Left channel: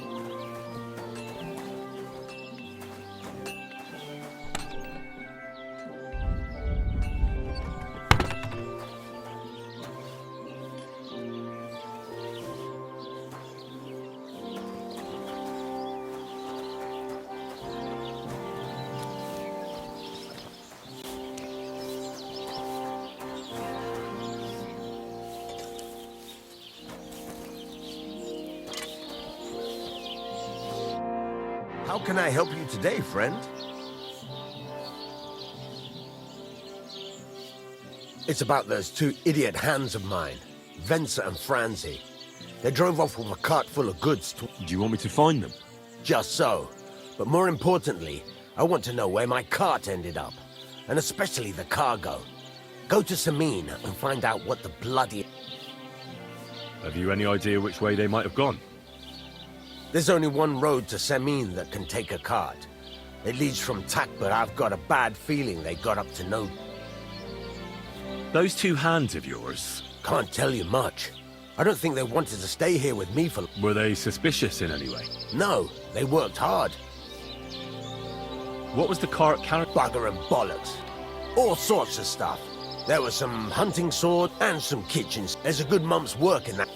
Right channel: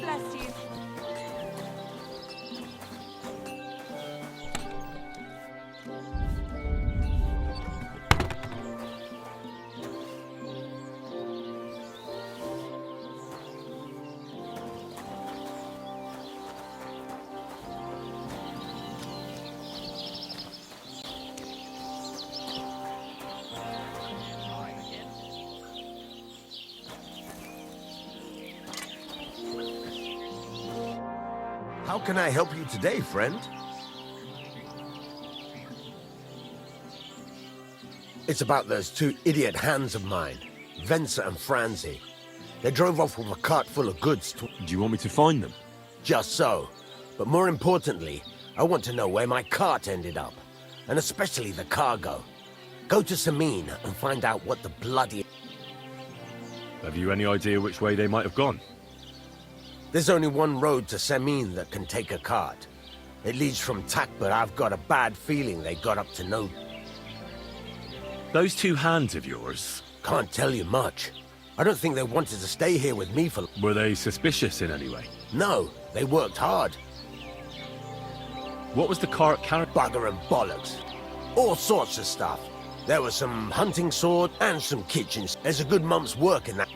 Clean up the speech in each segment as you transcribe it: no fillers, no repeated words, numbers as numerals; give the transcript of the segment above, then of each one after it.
bless you. How can I help you today, friend? It's about those two idiot hands of mine, Venser and Franzi. They drove off with a cart full of goods to... Do you want me to find them? Just so. But more importantly, I want to know where my cart ended up. And especially the cargo. Go to Samin and find out what the bloody... Have you any idea which way they might have gone? There's only one road to Samin that can take a cart. It leads from Tak, but I've got a bad feeling they got up to no... Those two hands of yours, Can't tell you much. I don't think they wanted to stay here with me for... were they suspicious in any way? No, they worked hard. What was the cart carrying? Bugger and bollocks. All sorts of stuff. There was some hunting sword and some kitchens. There's a good month's work in that.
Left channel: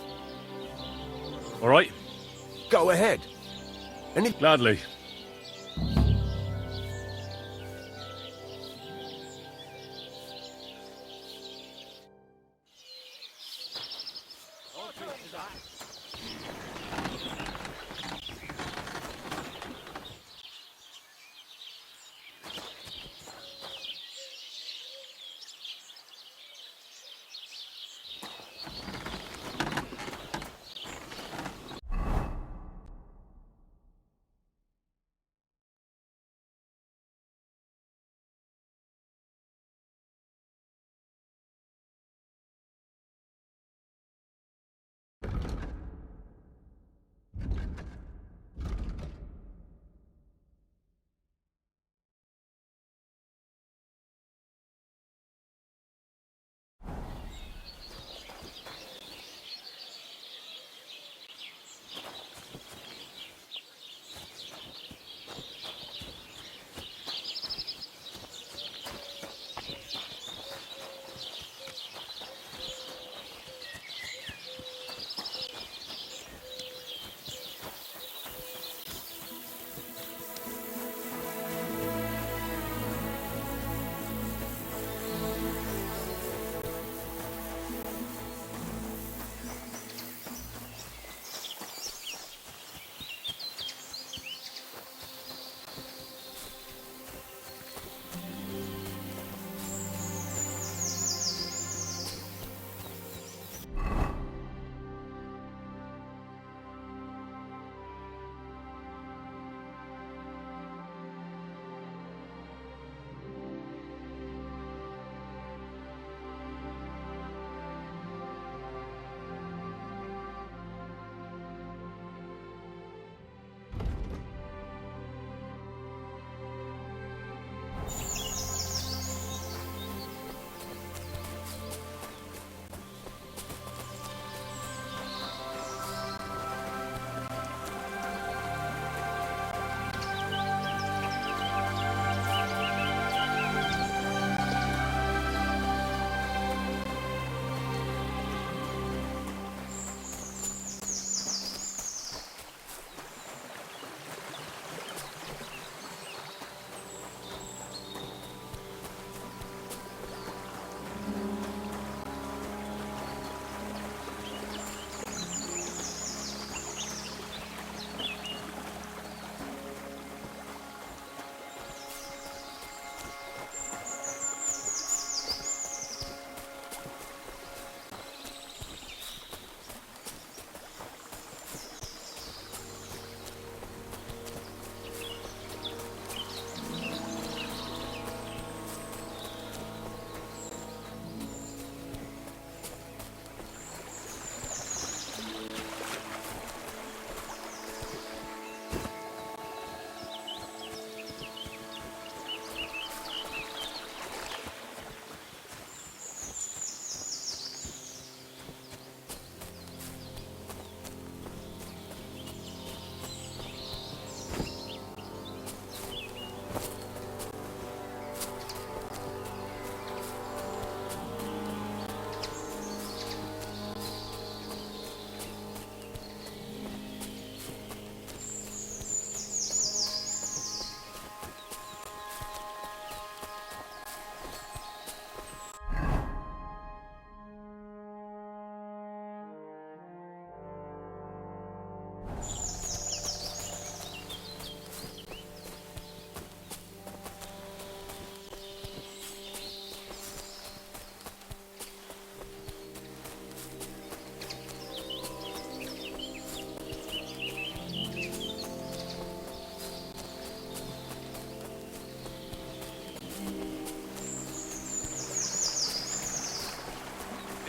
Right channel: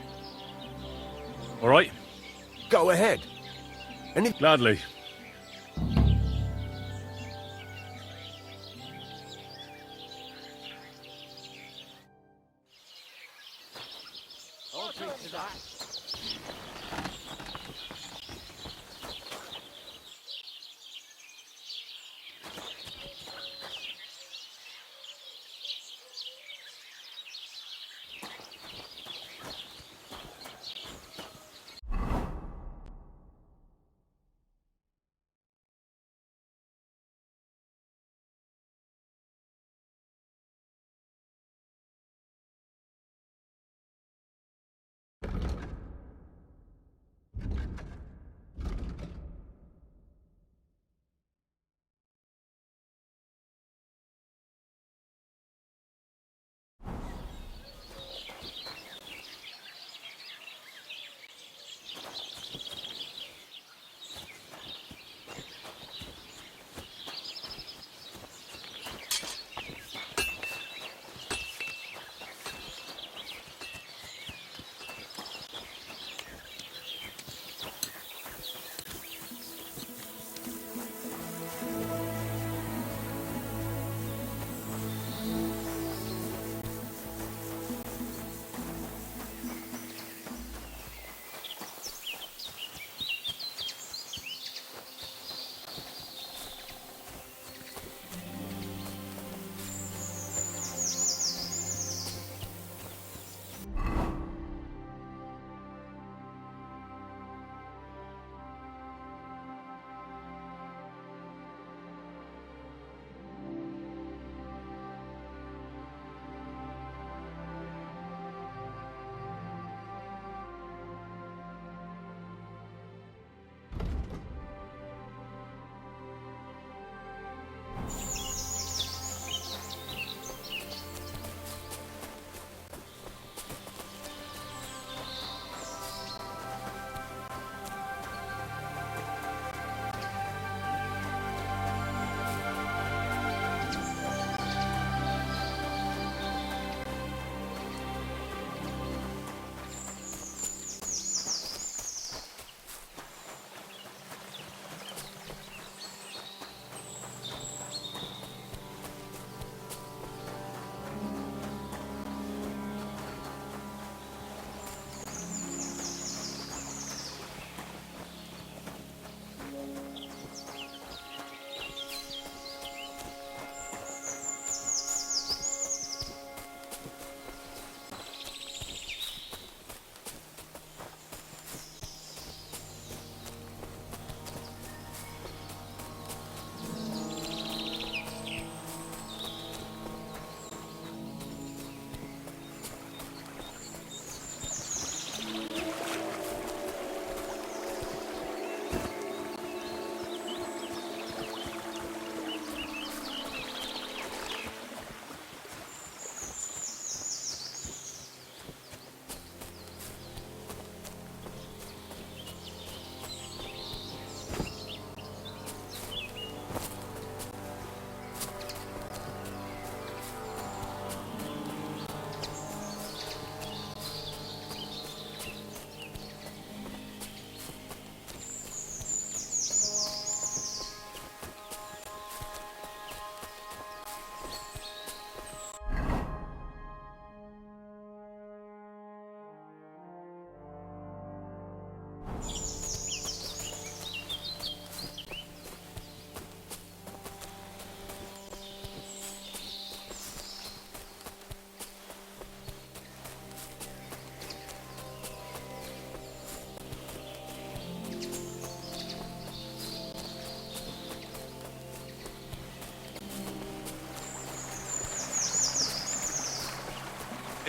All right, Go ahead. And if... gladly.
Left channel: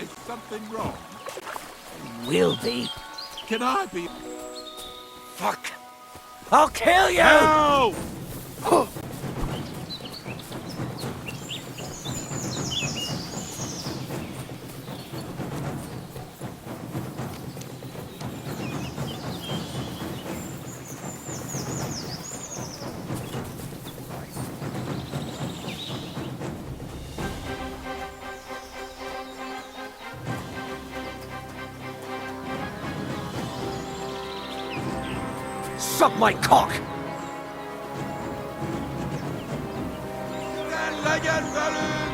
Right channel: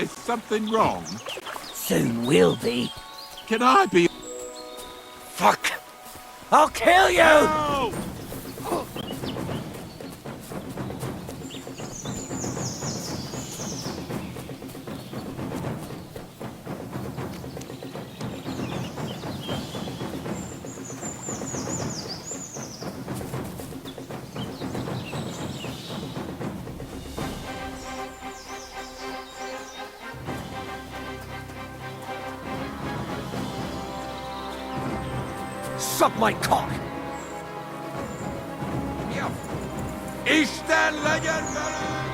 Is something wrong? Soon will be. Can I be... Fuck! I'll kill you! No! Suck my cock! İştenlegen verin!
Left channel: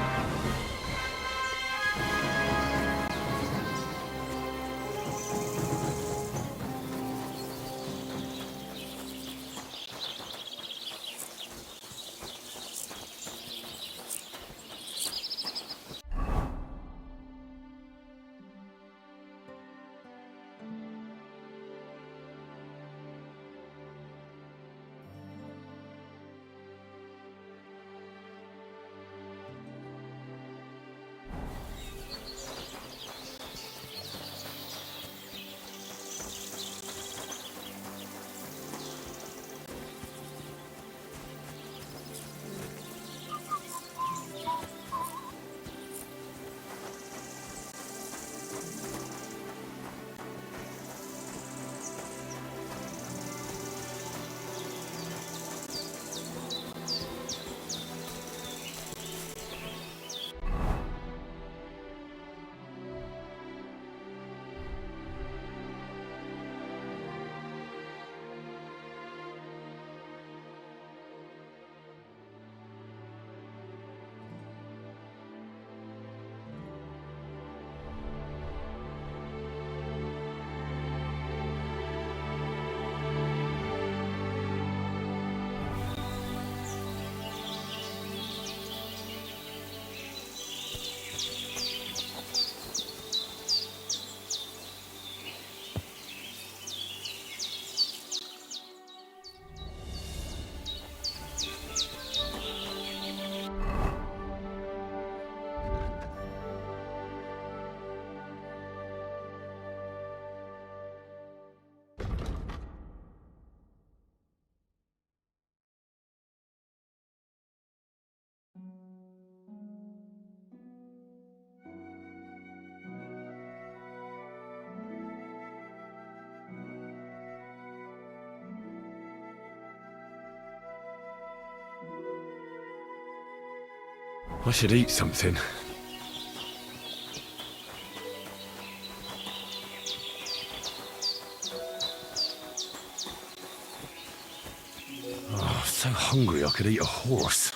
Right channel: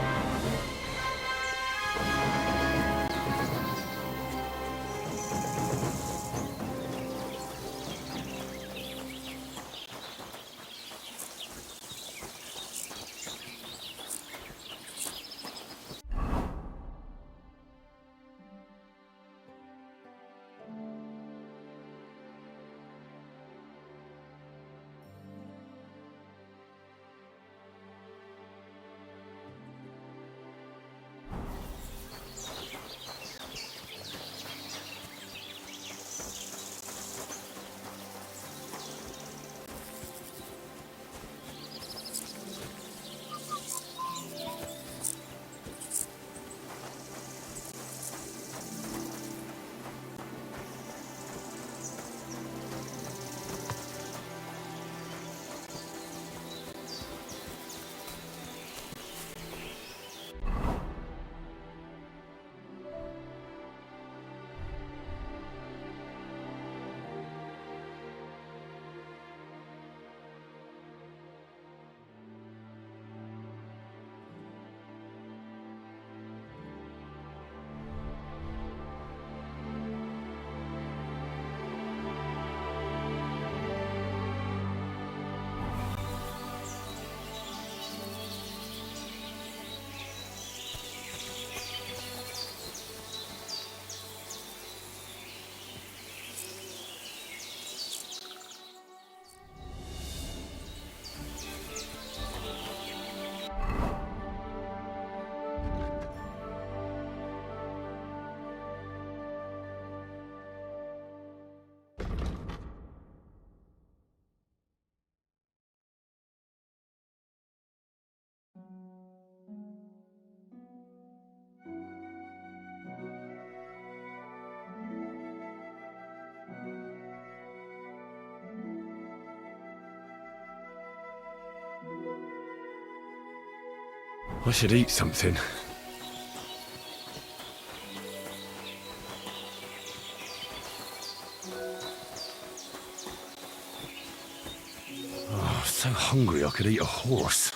I should eat something. Oh, so hungry I could eat a horse.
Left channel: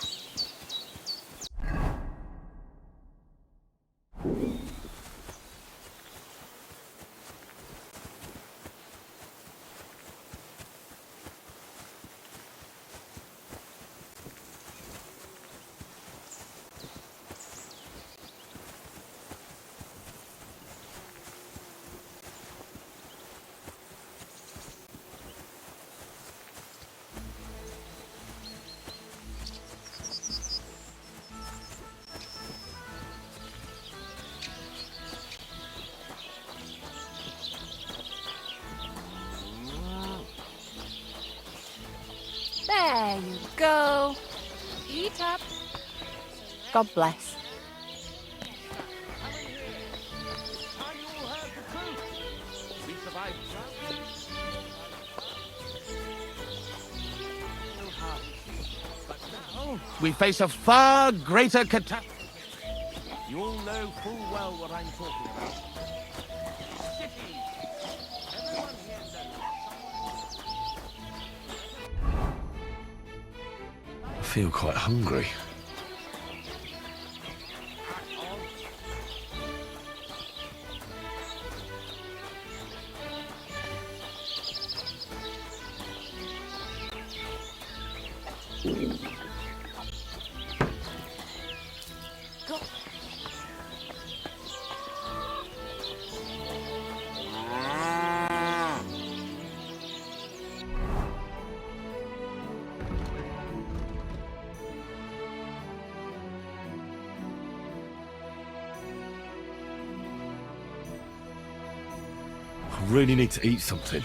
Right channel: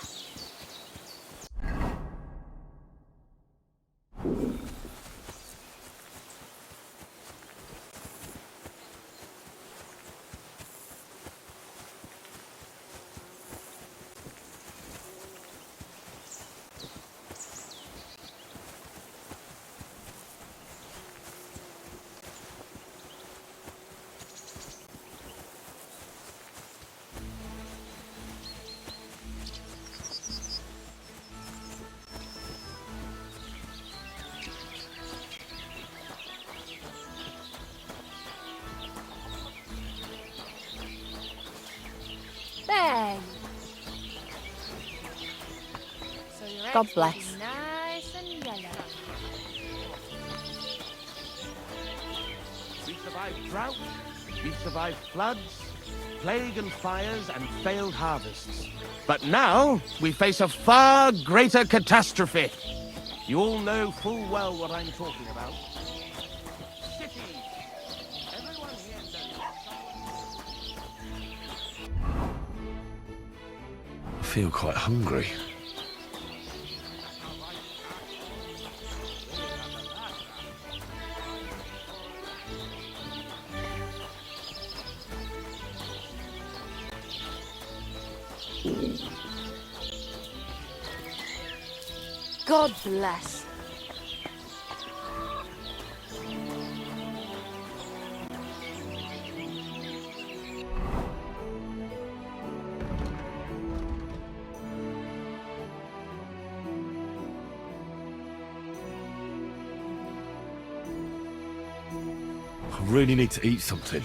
There you go. Eat up. So your God eggs bless. will be nice and yellow. We survived drought, we survived floods, plague and fires, and failed harvests. But now, we face a far greater catastrophe. You all know full well what I'm talking about. Cities! Everyone here knows I feel quite hungry. God bless. I really need to eat something.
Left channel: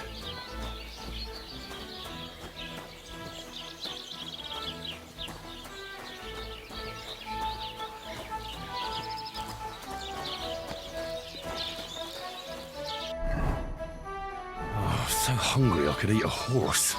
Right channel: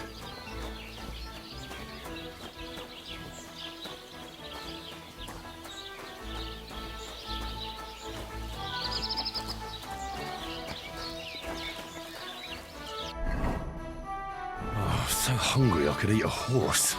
Oh, so hungry I could eat a horse.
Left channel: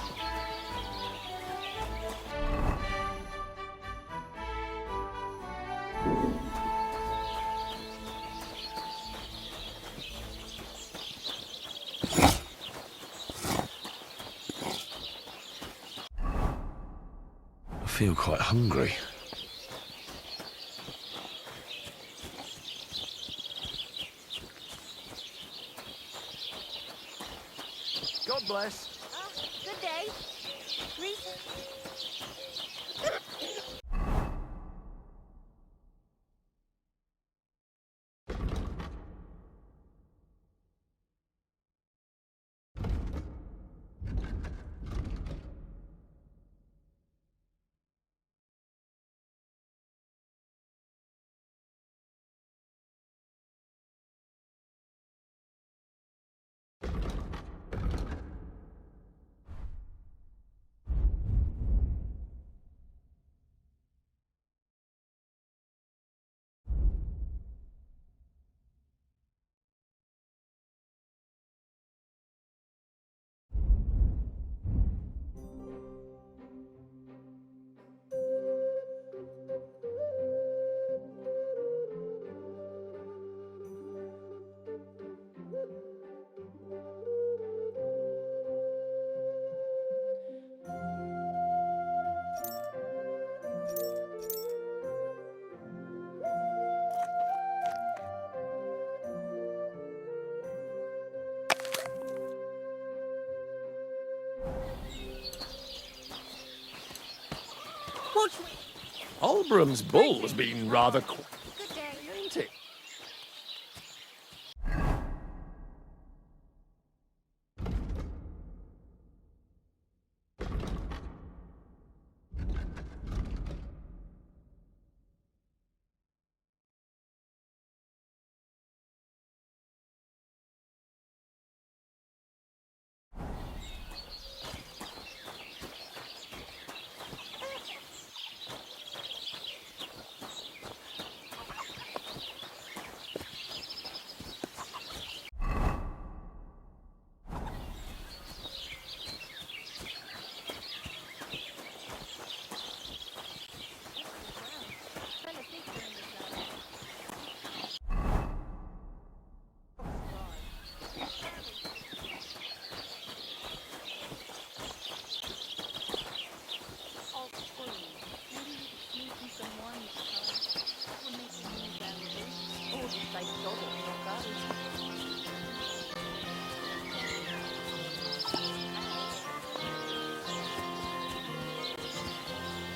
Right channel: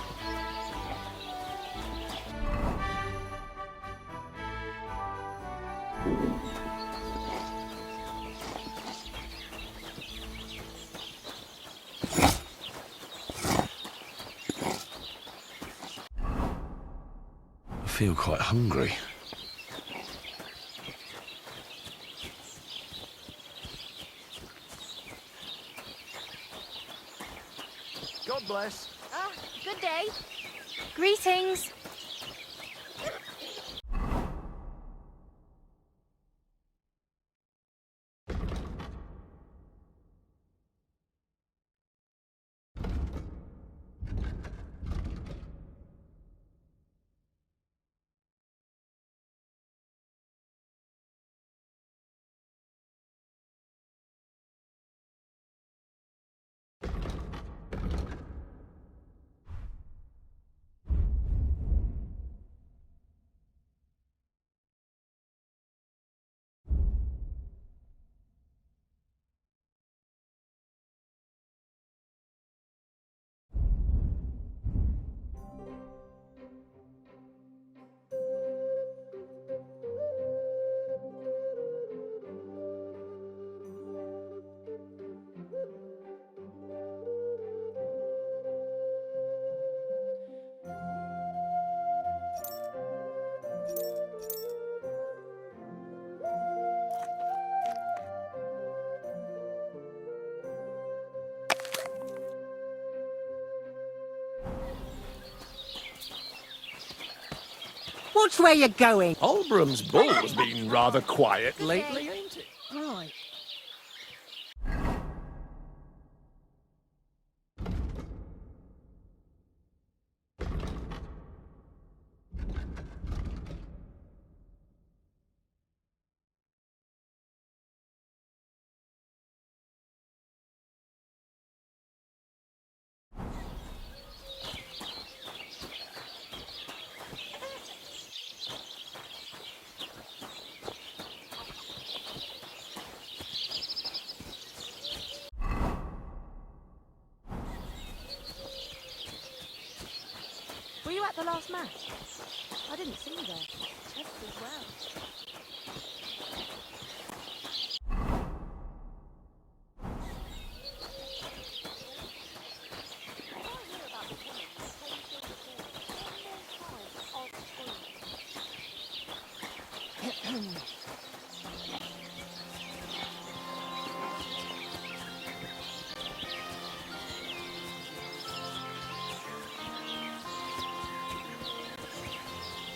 I feel quite hungry. God bless. Ah, good day. Greetings. Which way you going? Olbram's bull's been rather quiet lately, ain't it? Were you at the last match? I didn't see you there. Yes, as well.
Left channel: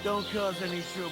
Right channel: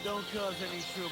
Don't cause any trouble.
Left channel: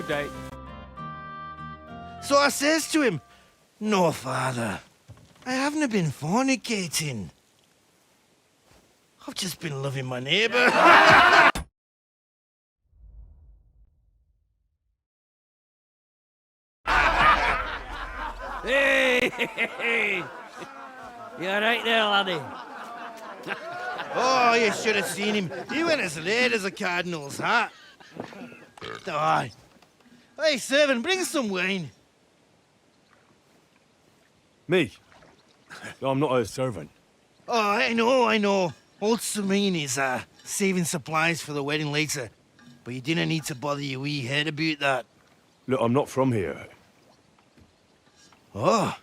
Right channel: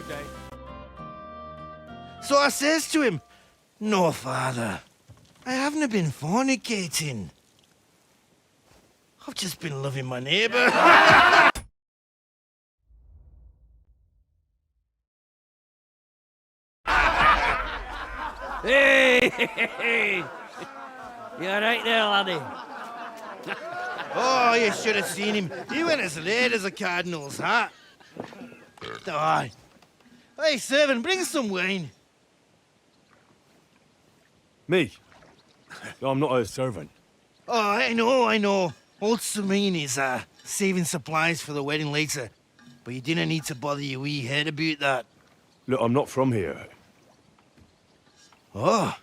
Good day. So I says to him, "No, father, I haven't been fornicating. I've just been loving my neighbour." Hey! You alright there, laddie? Oh, you should have seen him. He went as red as a cardinal's hat. Aye. Hey, servant, bring some wine. Me? No, I'm not a servant. Oh, I know. Old Serene is saving supplies for the wedding later. But you didn't need to bother your wee head about that. Look, I'm not from here. Oh.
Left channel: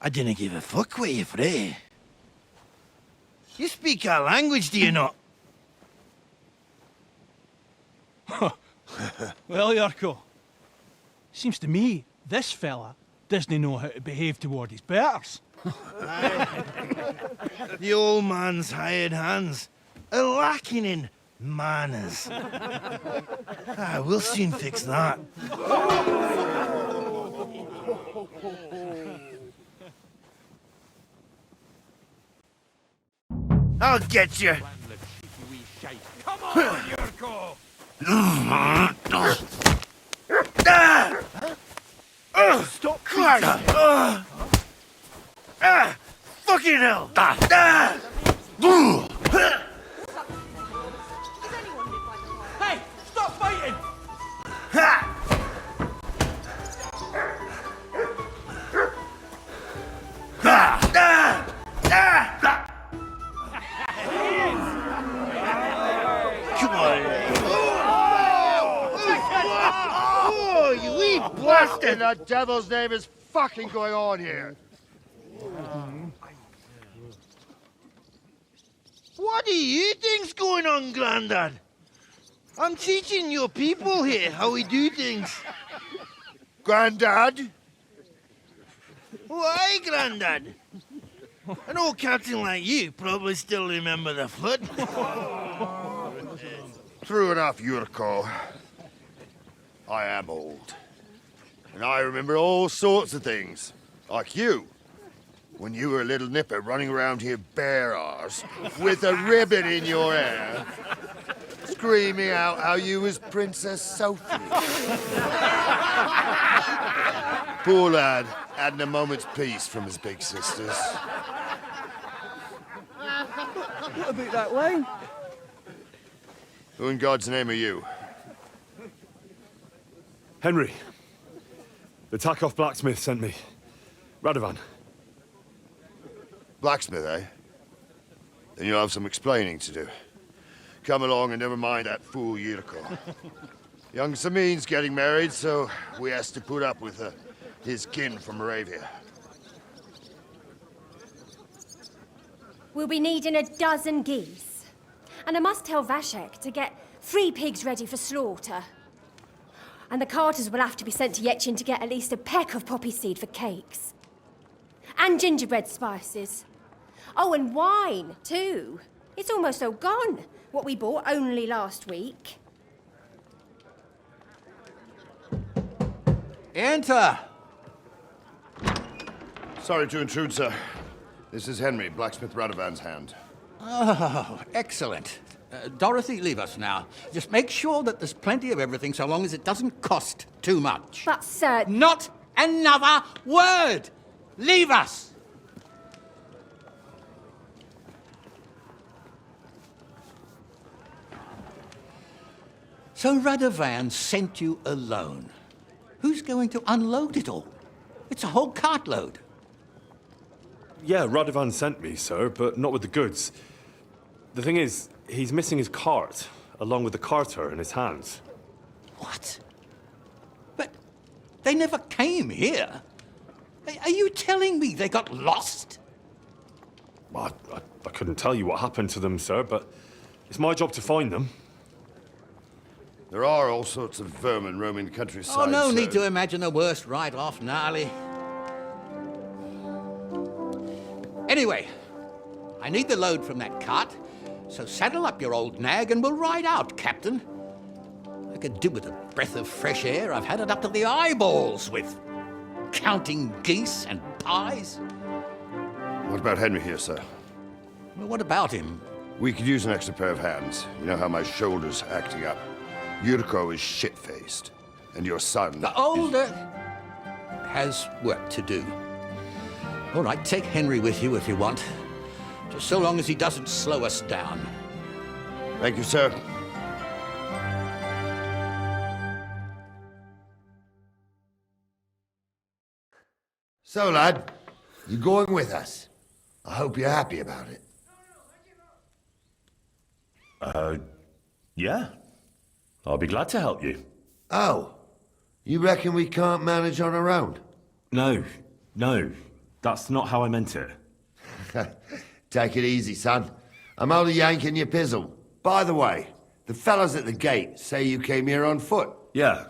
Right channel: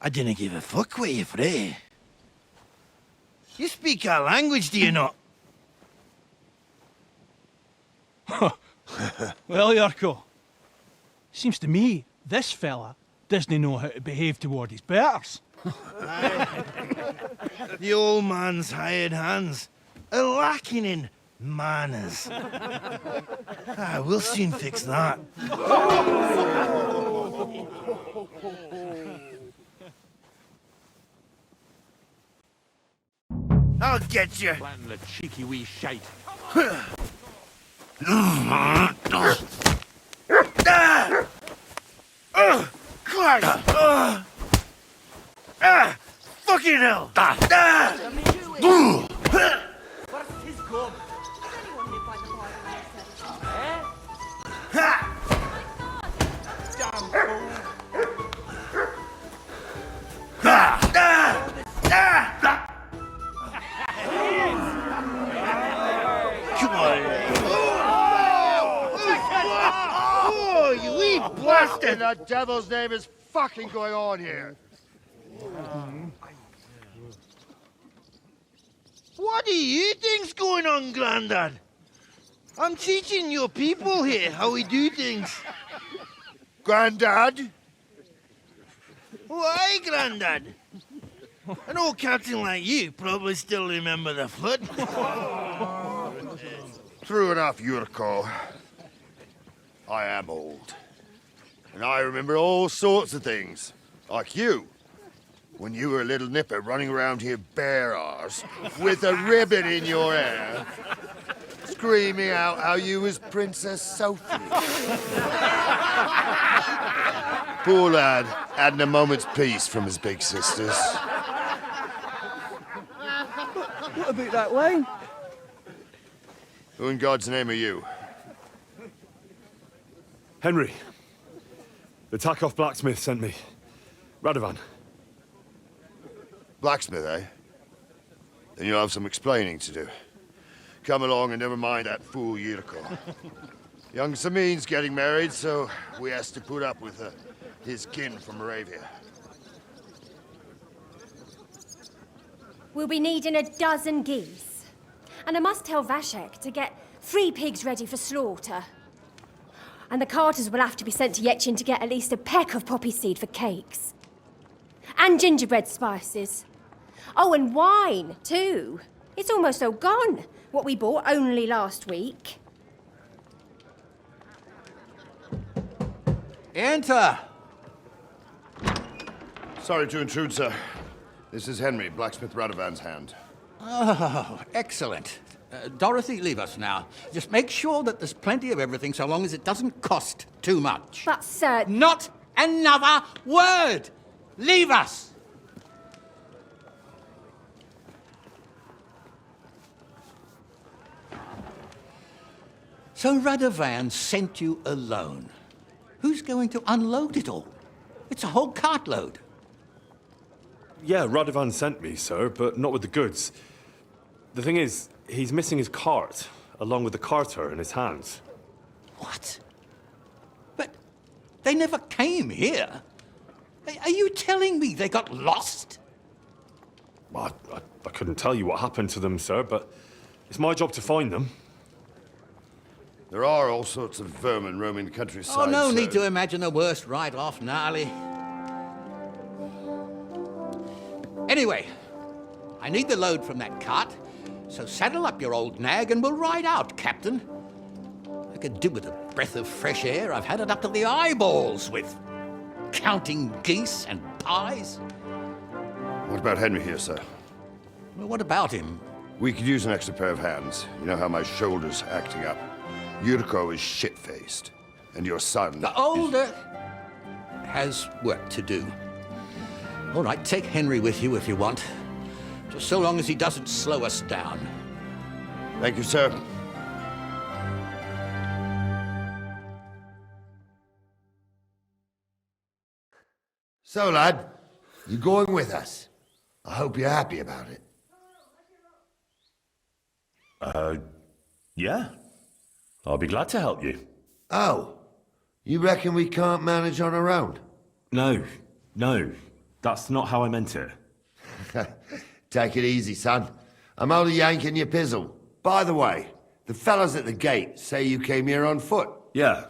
I didn't give a fuck what you frae. You speak our language, do you not? Well, Yurko, seems to me this fella doesn't know how to behave toward his betters. The old man's hired hands are lacking in manners. We'll soon fix that. I'll get you. Plan the cheeky wee shite. Come on, Fucking hell! Does anyone live by the law? Hey, stop fighting! Come on. Oh, you wee bastard! The devil's name is fucking going on here? What do you think's going on, Grandad? I'm teaching your people here how we do things. Grandad? Why, Grandad? An old captain like you probably still remember the flood. True enough, Yurko. I am old. And I remember all sorts of things. Like you. When you were a little nipper running around here bare arse, with a ribbon in your hair, screaming out how you was Princess Sophie. Poor lad, hadn't a moment's peace from his big sisters. What about that wine? Who in God's name are you? Henry. The Takoff blacksmith sent me. Radovan. Blacksmith, eh? Then you'll have some explaining to do. Come along and never mind that fool Yurko. Young Samin's getting married, so we has to put up with his kin from Moravia. We'll be needing 12 geese. And I must tell Vashek to get 3 pigs ready for slaughter. And the carters will have to be sent to Yetchin to get at least a peck of poppy seed for cakes. And gingerbread spices. Oh, and wine, too. It's almost all gone, what we bought only last week. Enter. Sorry to intrude, sir. This is Henry, blacksmith Radovan's hand. Oh, excellent. Dorothy, leave us now. Just make sure that there's plenty of everything so long as it doesn't cost too much. But, sir... Not another word! Leave us! So Radovan sent you alone. Who's going to unload it all? It's a whole cartload. Yeah, Radovan sent me, sir, but not with the goods. The thing is, he's missing his cart, along with the carter in his hands. What? But they never came here. Are you telling me they got lost? Well, I couldn't tell you what happened to them, sir, but it's my job to find them. There are all sorts of vermin roaming the countryside. Oh, no so... need to imagine the worst right off, gnarly. Anyway, I need the load from that cart, so saddle up your old nag and we'll ride out, Captain. could do with a breath of fresh air. I've had it up to the eyeballs with counting geese and pies. What about Henry here, sir? Well, what about him? We could use an extra pair of hands. You know how my shoulder's acting up. Yuriko is shit-faced. And your son... The older has work to do. All right, take Henry with you if you want. Just so long as he doesn't slow us down. Thank you, sir. So, lad, you're going with us. I hope you're happy about it. Yeah. I'll be glad to help you. Oh, you reckon we can't manage on our own? No. That's not how I meant it. Take it easy, son. I'm only yanking your pizzle. By the way, the fellas at the gate say you came here on foot. Yeah,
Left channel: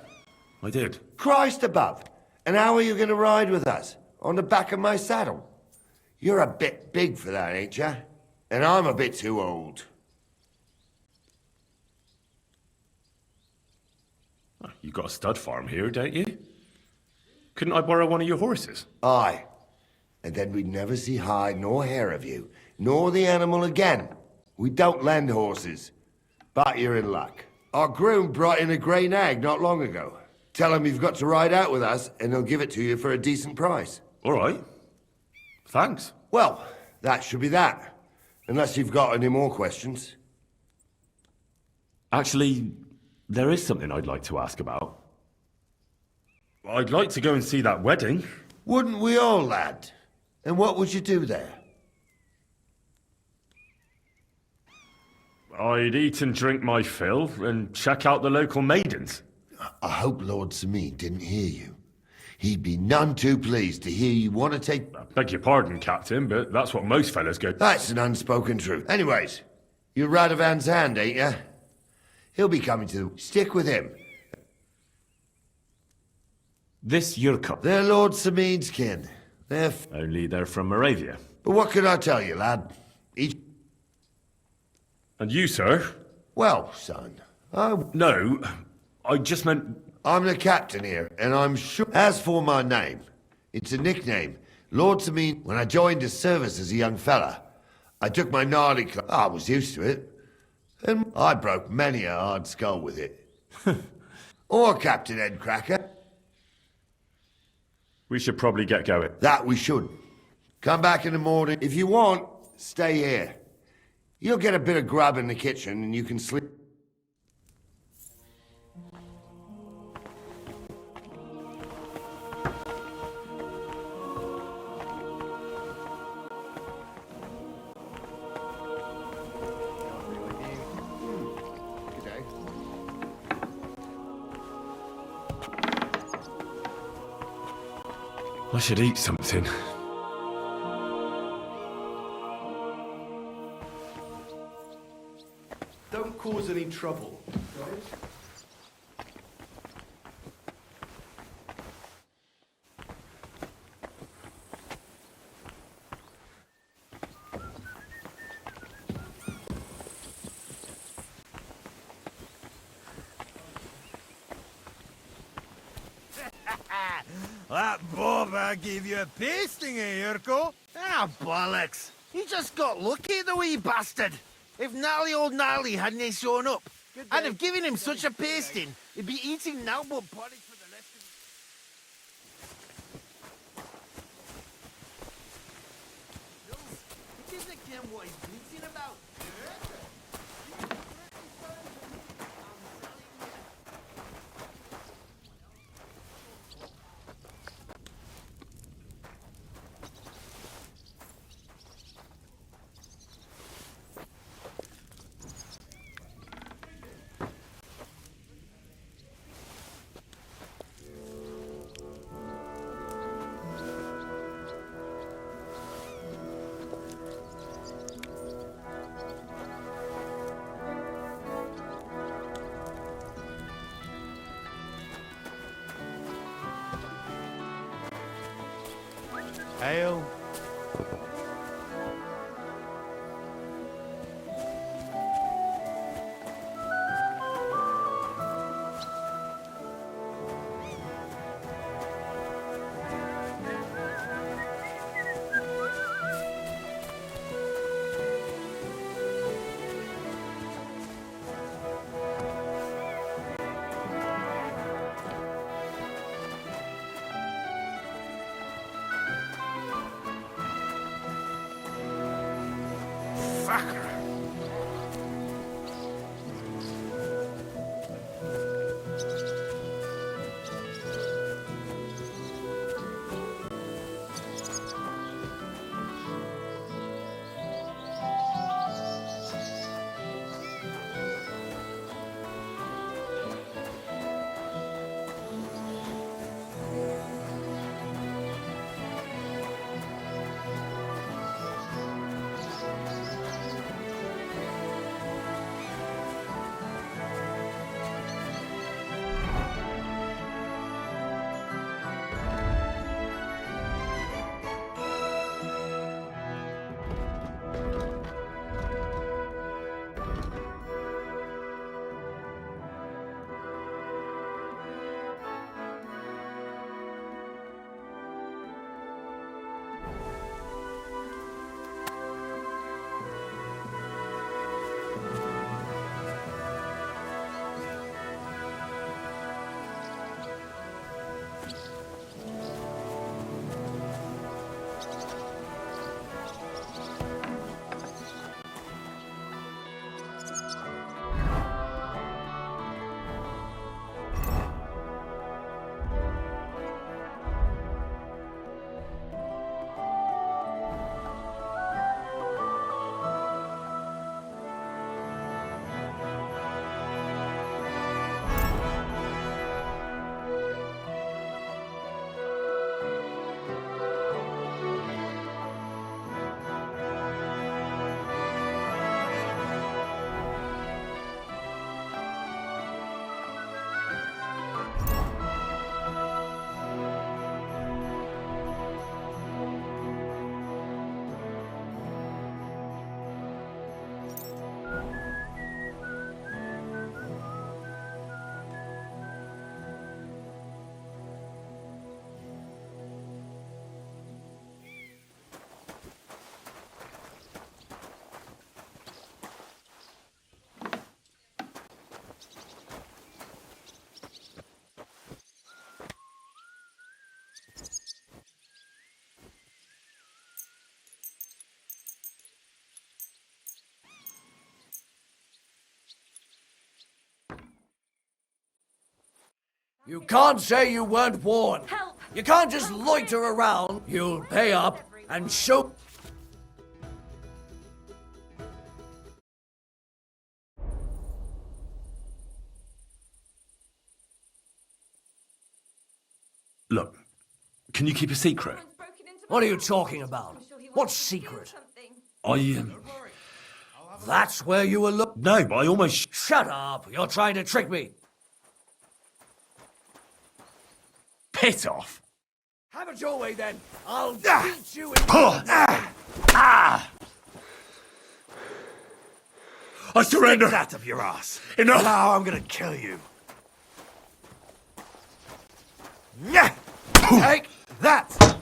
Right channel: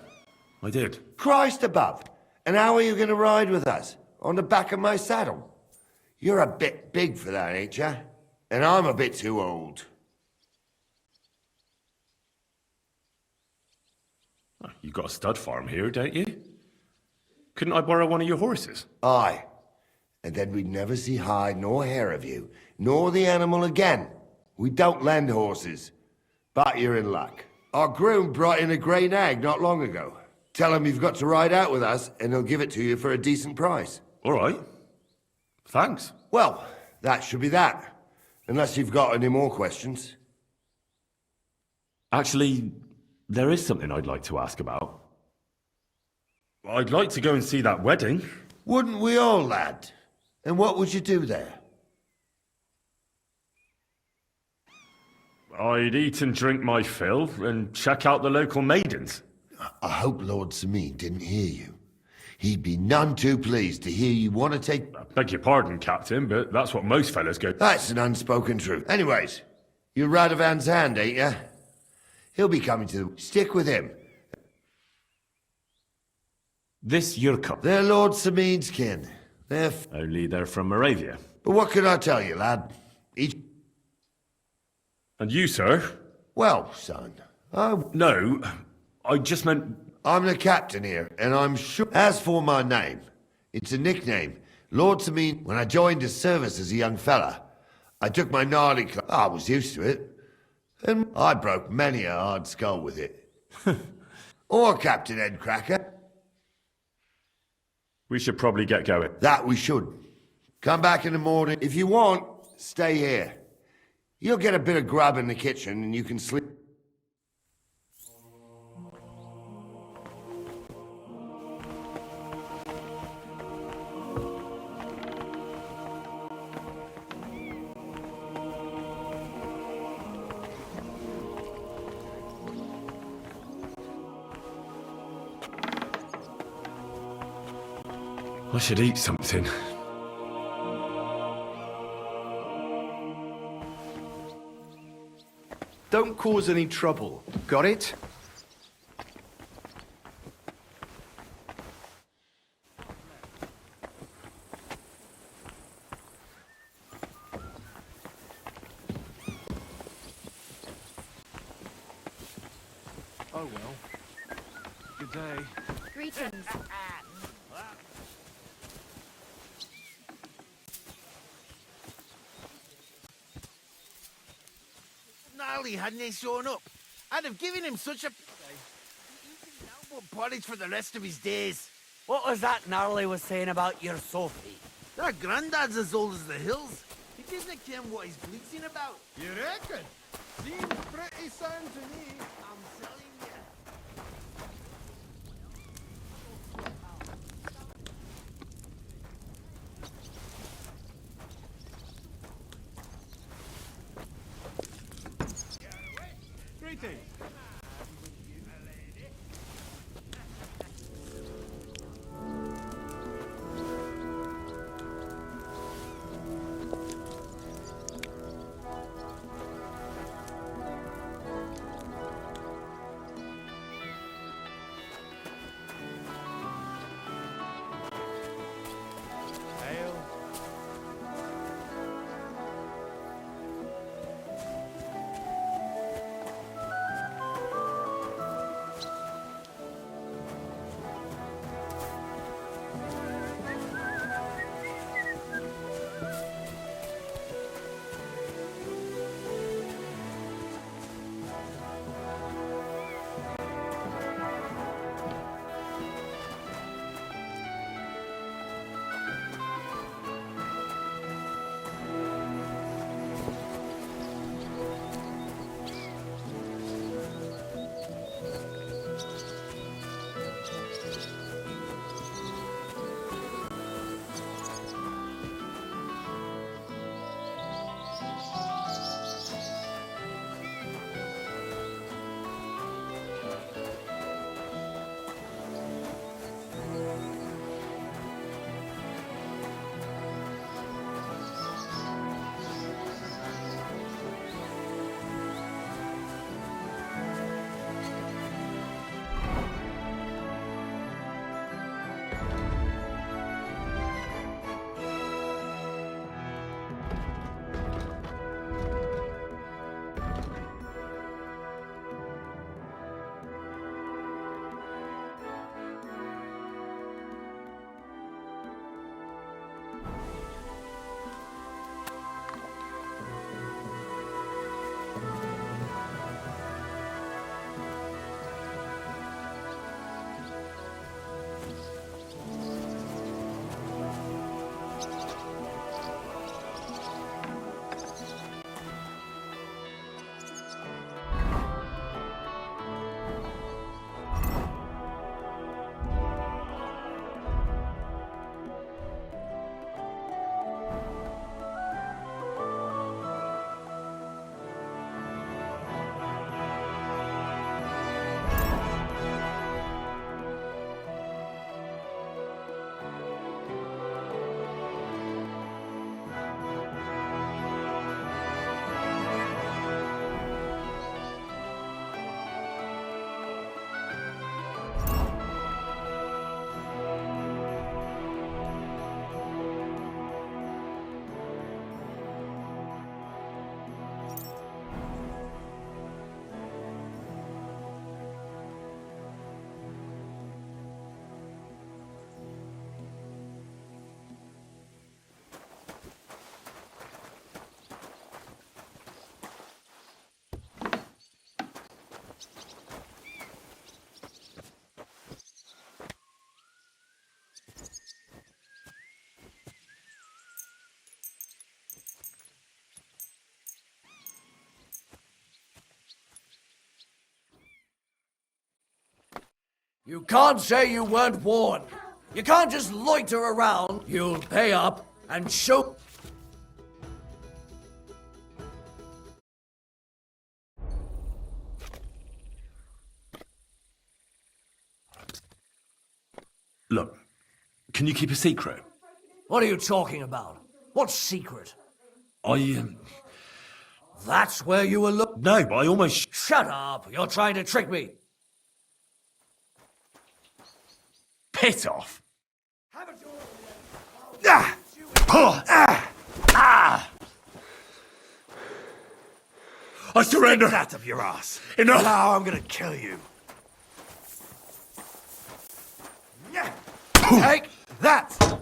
I did. Christ above. And how are you going to ride with us? On the back of my saddle? You're a bit big for that, ain't ya? And I'm a bit too old. You got a stud farm here, don't you? Couldn't I borrow one of your horses? Aye. And then we'd never see hide nor hair of you, nor the animal again. We don't lend horses. But you're in luck. Our groom brought in a grey nag not long ago. Tell him you've got to ride out with us, and he'll give it to you for a decent price. All right. Thanks. Well, that should be that. Unless you've got any more questions. Actually, there is something I'd like to ask about. I'd like to go and see that wedding. Wouldn't we all, lad? And what would you do there? I'd eat and drink my fill and check out the local maidens. I hope Lord Samin didn't hear you. He'd be none too pleased to hear you want to take... Beg your pardon, Captain, but that's what most fellas go... That's an unspoken truth. Anyways, you're Radovan's hand, ain't ya? He'll be coming to... Stick with him. This Yurko. They're Lord Samin's kin. They're... Only they're from Moravia. But what can I tell you, lad? Each... And you, sir? Well, son, No, I just meant... I'm the captain here, and I'm sure... As for my name, it's a nickname. Lord Samin, when I joined his service as a young fella, I took my gnarly club. I was used to it. And I broke many a hard skull with it. Or Captain Headcracker. We should probably get going. That we should. Come back in the morning. If you want, stay here. You'll get a bit of grub in the kitchen, and you can sleep. I should eat something. Don't cause any trouble. Got it? That Boba gave you a pasting, Yurko? Ah, bollocks. He just got lucky, the wee bastard. If gnarly old Gnarly hadn't shown up, I'd have given him such a pasting, he'd be eating Nalbo porridge for the rest of his days. What was that Gnarly was saying about your Sophie? That granddad's as old as the hills. He doesn't care what he's bleating about. You reckon? Seems pretty sound to me. I'm telling you. You can't say you weren't warned. You can't just loiter around. You'll pay up and show... Look, can you keep a secret? What are you talking about? What secret? I, That's where you were look... No, but I almost... Shut up! You're trying to trick me! Piss off! Have it your way then! I'll beat you in... I surrender! Stick that up your ass. Enough! Now I'm gonna kill you. Take that!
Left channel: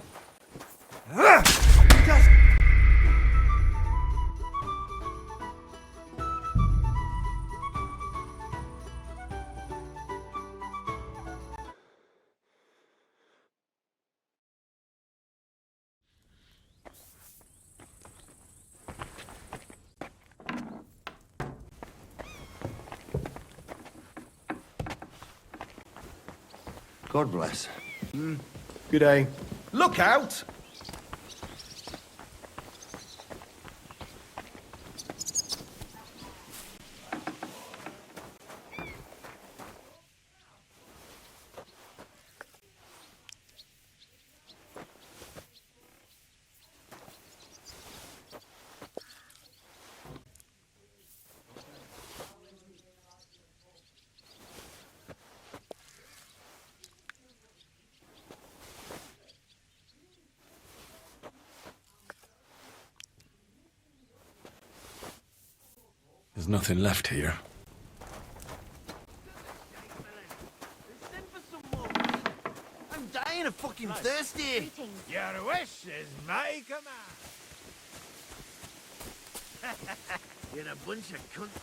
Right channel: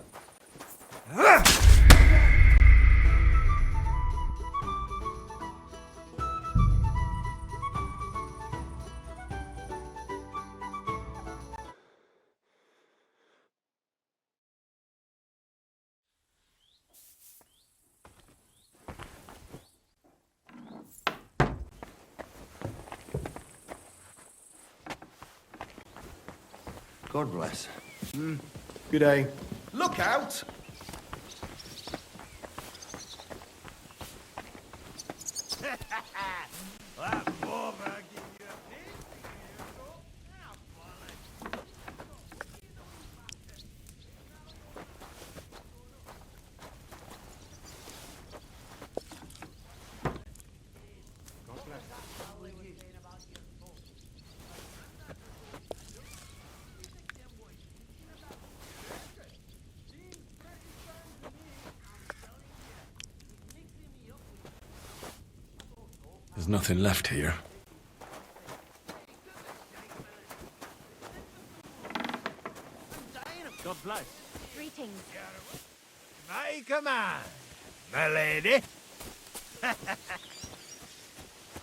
God bless. Good day. Look out! There's nothing left here. I'm dying of fucking thirsty. Your wish is my command, my lady. You're a bunch of cunts.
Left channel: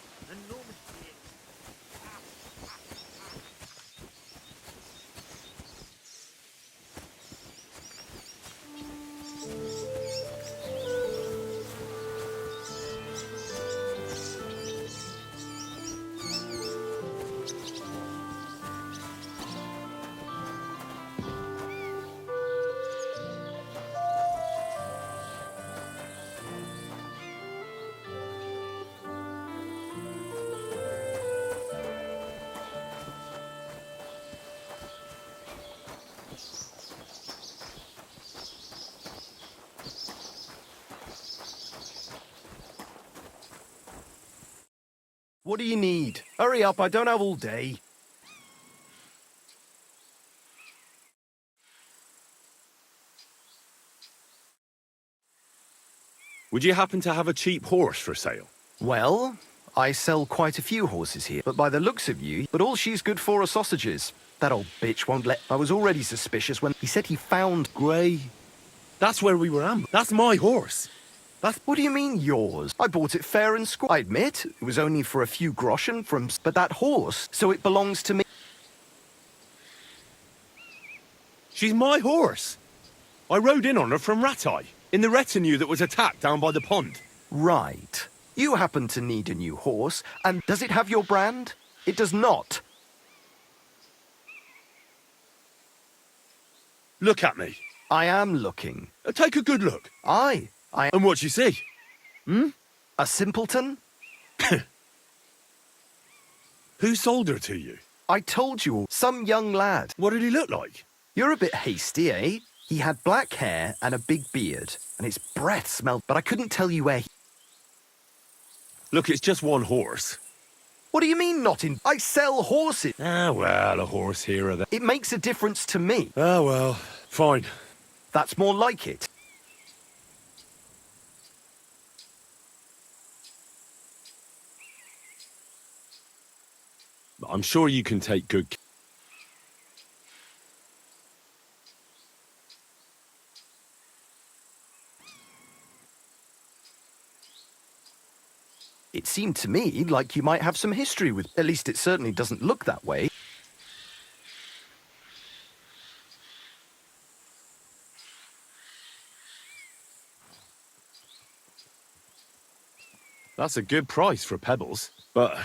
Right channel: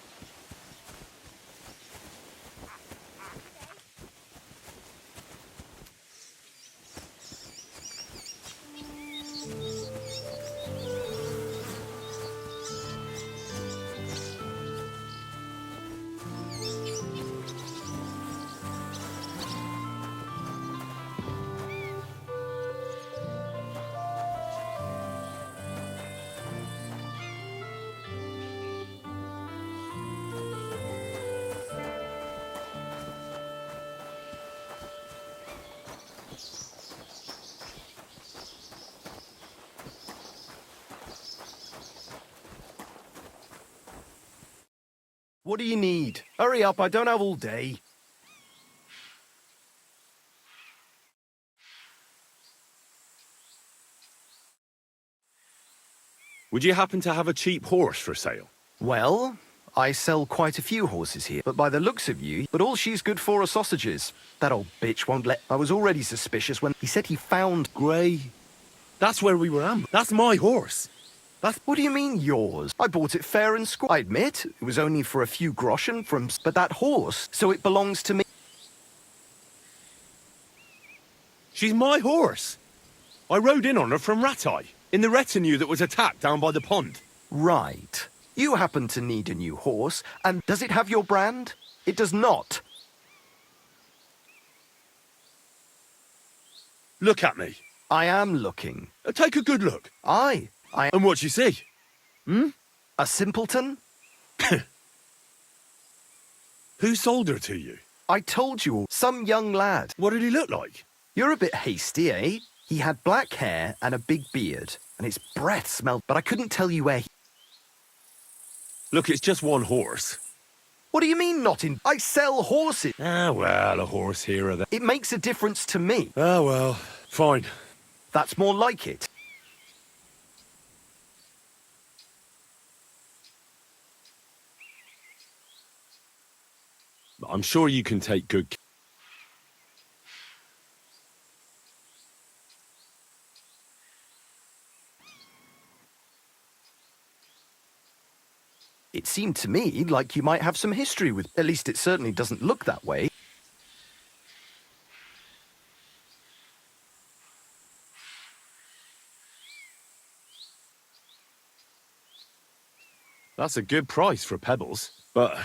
What do you need? Hurry up, I don't have all day. Would you happen to have a cheap horse for sale? Well, I sell quite a few horses here, but by the looks of you, but all she's good for are sausages. That old bitch won't let... I was already suspicious when he said he found... Grey. That's where we were ambushed. That's my horse. What do you mean, yours? I bought it fair and square. I admit, it was only for a few groschen from... But that horse, so it belongs to me. She's my horse. I rode in on her from Ratai, in the retinue that was attacked down by the pond. Right. You happen to need a new horse, and does it have your brand? It does not. Look at me. I am looking. Take a good look. I... And what you see? A simpleton? Who sold her to you? I told you, some young lad. What did he look like? You're a bit hasty, eh? He had black hair and a big beard, and his breath smelled, but I couldn't tell you where he... Look, it's just one horse. What do you mean not in... I sell horses. Ah, well, a horse here or there. It makes a difference to me. Ah, well, fine. That's more like it. I'm sure you can take good care. It seemed to me like you might have some history with... At least it certainly doesn't look that way. That's a good price for pebbles, but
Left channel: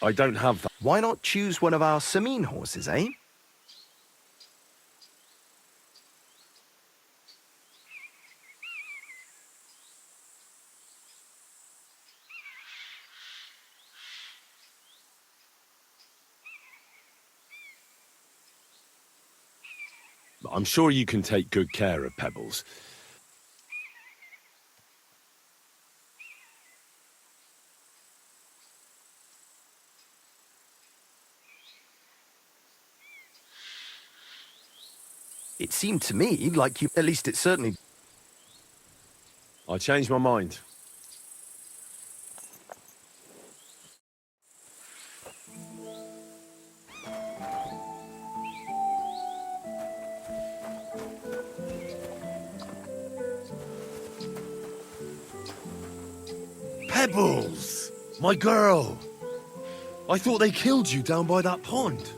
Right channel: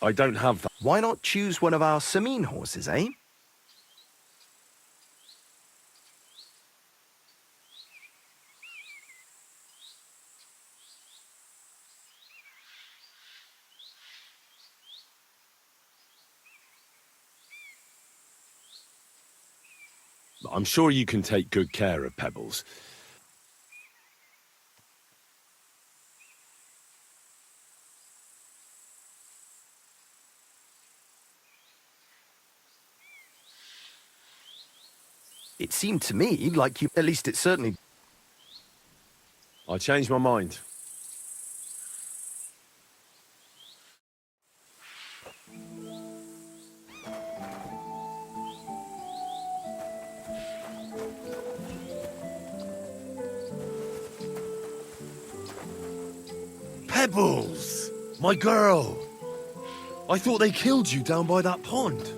I don't have that. Why not choose one of our Samine horses, eh? I'm sure you can take good care of Pebbles. It seemed to me like you... At least it certainly... I changed my mind. Pebbles! My girl! I thought they killed you down by that pond.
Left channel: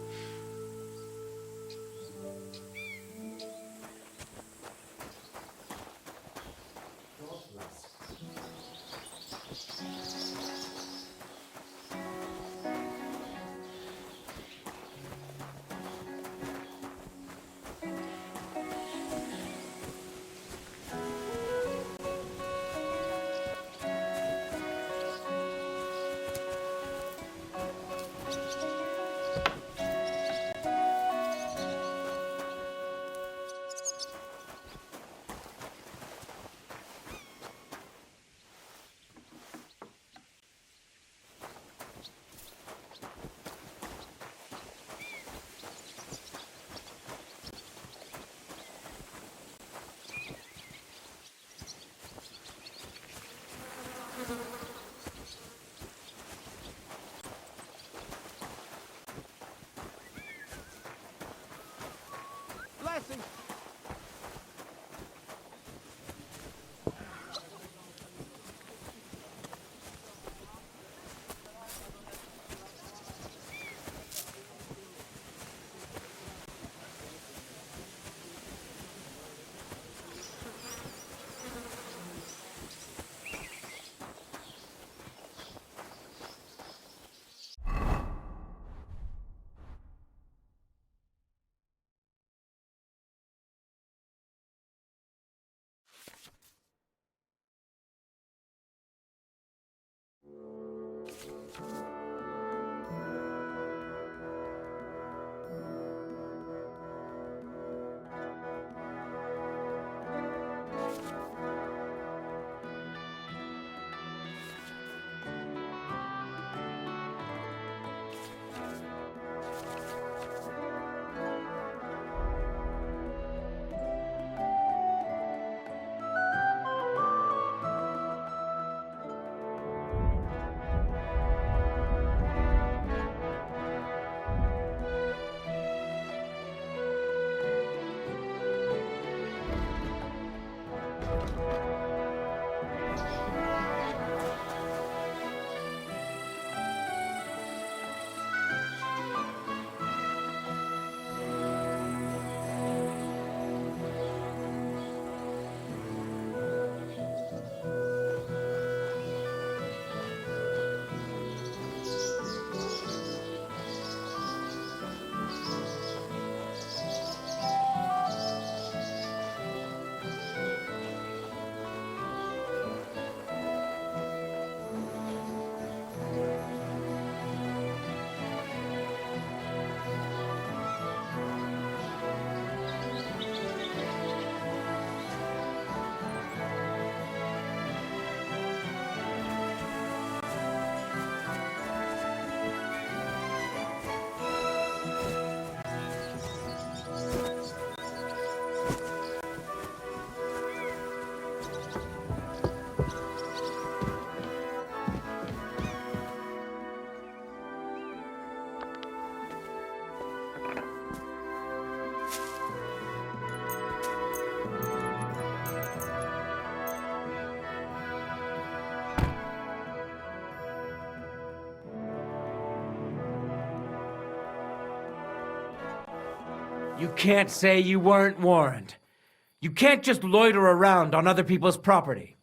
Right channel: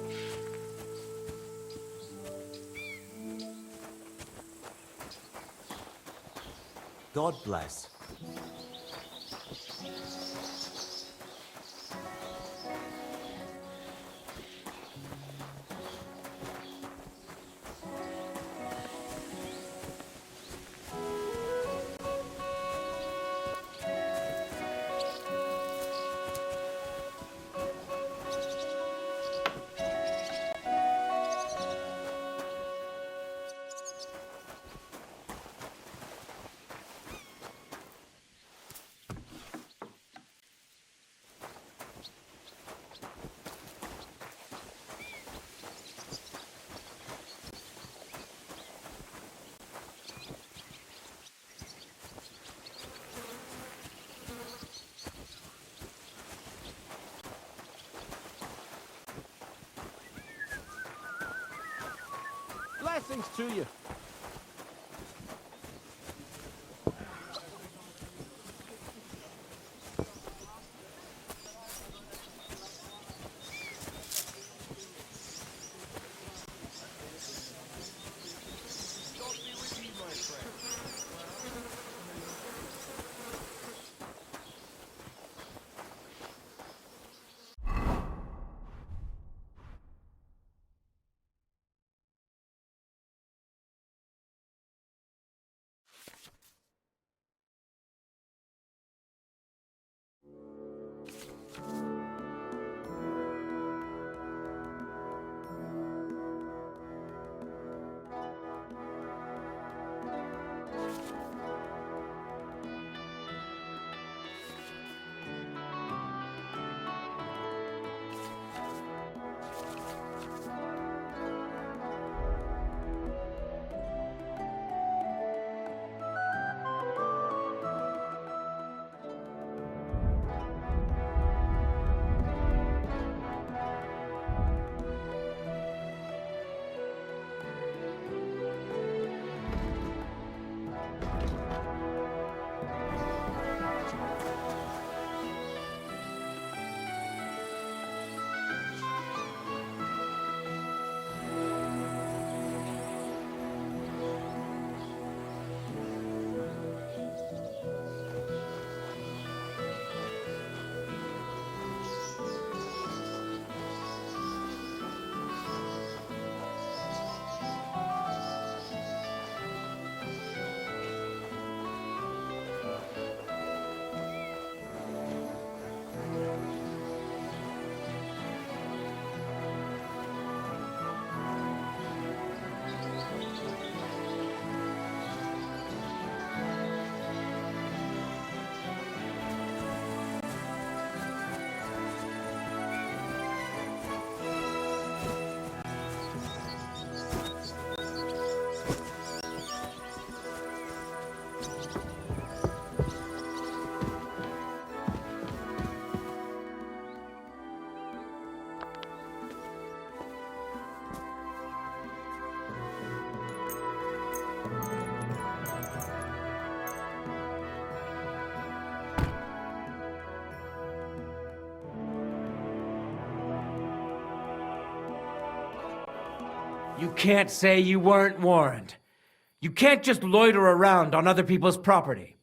God bless. Blessings to you. You can't say you weren't warned. You can't just loiter around on other people's property.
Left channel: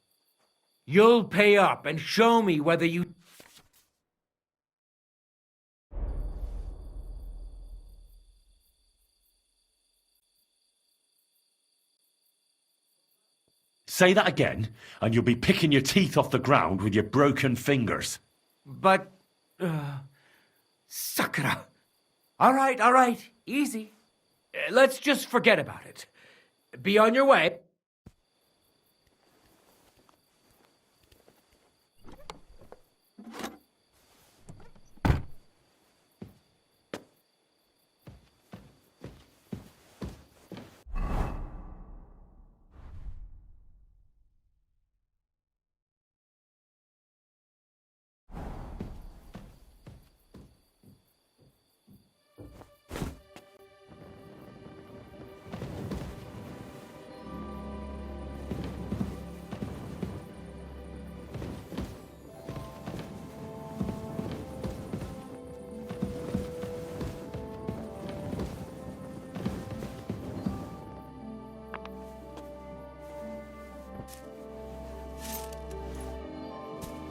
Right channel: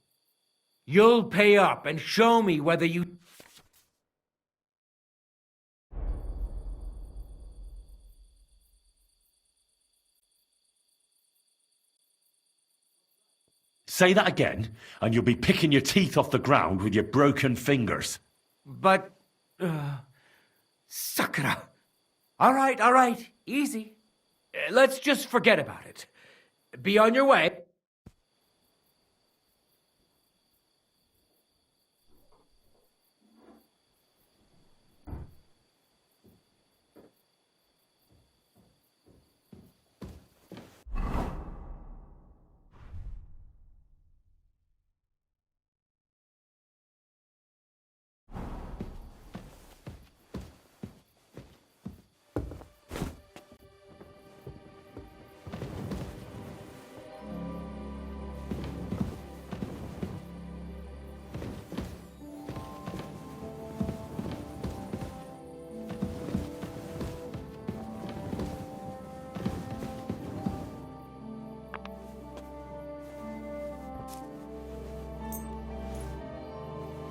You'll pay up and show me whether you... Say that again, and you'll be picking your teeth off the ground with your broken fingers. But... Sakura. All right, easy. Let's just forget about it. Be on your way.